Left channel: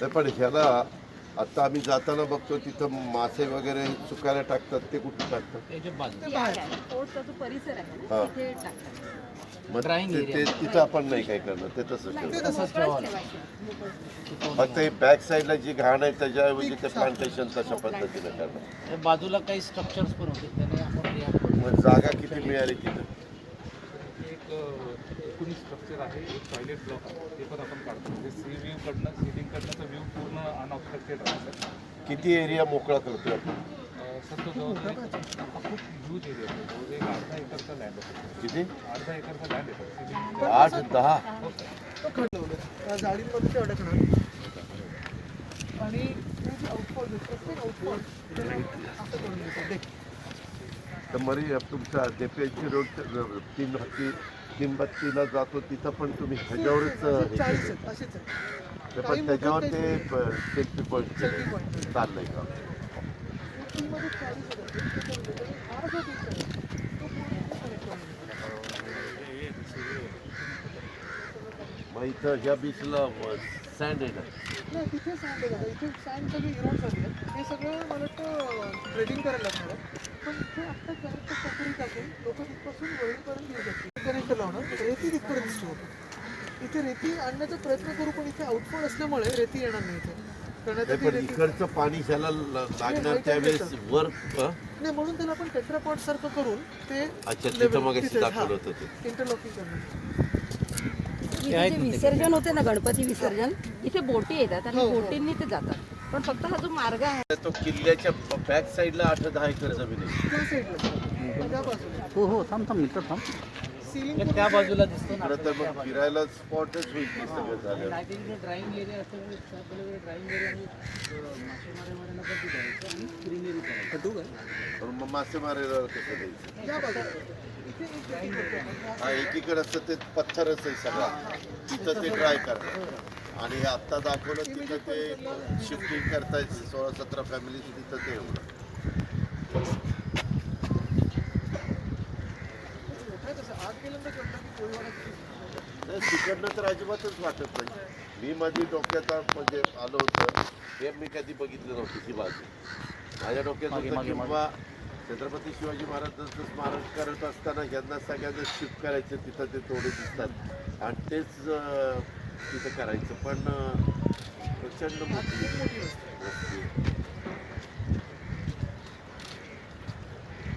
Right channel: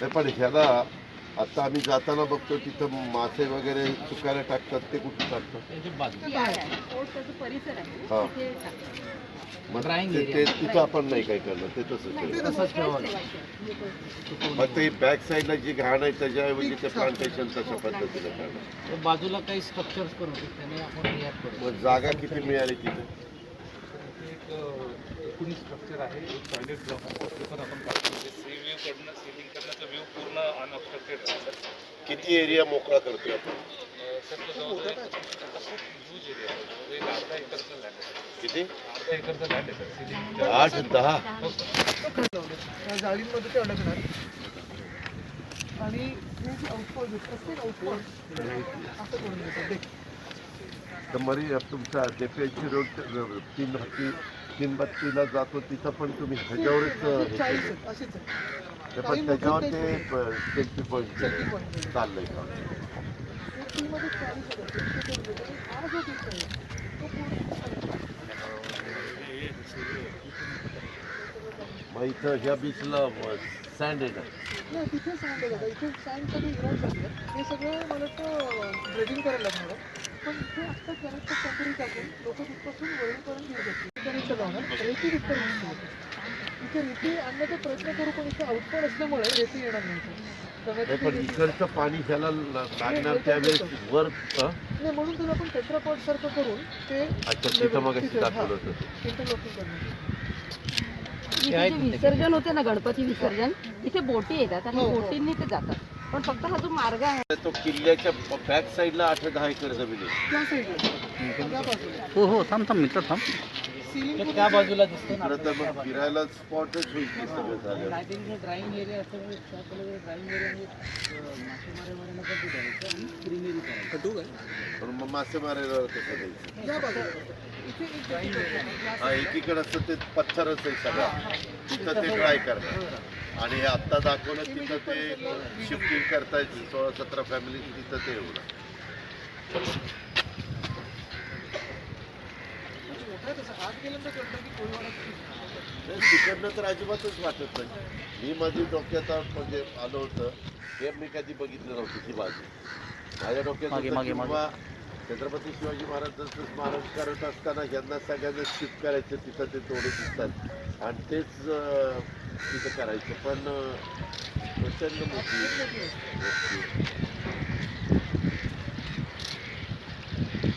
नाही पण ह्याला आता आम्ही जाताना बघतो तिथं मासे वगैरे सुकायला टाकतात, ते कुठे टाकतात? परिसर आहे हा. तिथे टाकतात. मग ते तिथं आपण नाही काय करणार, ते तसंच ठेवायचं. फक्त हे बॅक साईडला जी घाण आहे त्याच्याऐवजी ते प्लांटेशन तशा पद्धतीने करणार. बाजूला काही स्ट्रक्चर्स पण होते त्याने आपण मग जागा किती मिळाली तिथे? एक 19 स्ट्रक्चर आहे, एक टॉयलेट ब्लॉक आहे, ते पण आपण काढतो. म्हणजे सी व्ह्यू कडनं सिलिंग कडनंचा व्ह्यू पूर्ण अनऑब्स्ट्रक्टेड राहतो. किती एरिया मोकळा करतोय आपण? सर तो जवळजवळ आता खूप ह्यूज एरिया आहे, जवळजवळ एक अर्धा एकरचा लँड आहे सर. किती? अर्धा एकरचा लँड आहे सर. सिलिंग 8-10 जाळीमध्ये अडकणार आणि आउटफॉल प्रत्येक आउटफॉल असं करून देतात. तर मरी तुमच्या देपेची रोड तीन बत्तीला जातो तिथं पण तुम्ही ह्याच्यावरच 40 असेच ते पण त्याच्यावर ते सेल्फी पॉईंट चाललंय का? मग इथं ह्या बीचला सँड आहे ना? नाही तिथे सँड आहे बघा, इथे सँड सगळं इरोड झाली आहे. हे सगळं मला वाटतं ट्रेडिंग करायला लागणार आहे. पण इथे आत्ता कनेक्ट कपरी टाकून लोक तिथपासून वरळीपर्यंत घेऊ शकतील. कनेक्ट लावणार रेती तिथपर्यंत दिसतो होतं. इथे रेती आणण्याचा प्रयत्न करू, पण इथे आउटफॉल असल्यामुळे रेती येणार नाही इथे. पण इकडचं पाणी ह्याला लागणार त्यावेळेस वर नाही, म्हणून त्याला आपण टेट्रापॉड सारखं करून ते अच्छा तिथं मग दाखवलं होतं ते. इंटरलॉकिंग करणार. इथे जे विसर्जन होते ना, गणपती विसर्जन, इथे बोटी येतात आणि बोटींनी ते जातात. पण फक्त हा जो मार्ग आहे तो किल्ल्याच्या बॅक साईडला 8-10 एकर जमीन आहे. त्या साईडला त्या बाजूला हो थांब मित्र थांब. सिलिंग त्या बाजूला दिसतो ना इकडं तर मग फिरायला स्पॉटच होईल की सगळं झालं. आय थिंक ड्रायव्हिंग एरिया असतो ड्रायव्हिंग एरिया मासेमाऱ्यांना पण तिथे जायचं आणि क्रीम करायचं. पण मग मासेमारीला कसं द्यायचं? या बाजूला इथे एक हा एकीकडे असतं ते पत्थरच आहे सगळा, तिथं ते ट्राय करतात. आणि हे आत्ता दाखवलं तिथं ते शिफ्टिंग करतायत 16-17 फॅमिली, तिथं ते एवढं. तिकडनं तर अजिबातच वाटत नाही. मी माझी डोक्यात म्हणजे आलो होतं हे मी कधी बघितलं नव्हतं ती बाजू. माझ्या डोक्यात होतं की बाबा छत्रपती शिवाजी महाराजांचं स्मारक करत असताना यांना सगळ्यांना शिफ्ट करायचं, तिथं ते तोडे दिसतात आणि तेच तिथं करायचं. पण प्रचंड मोठी गोष्टी.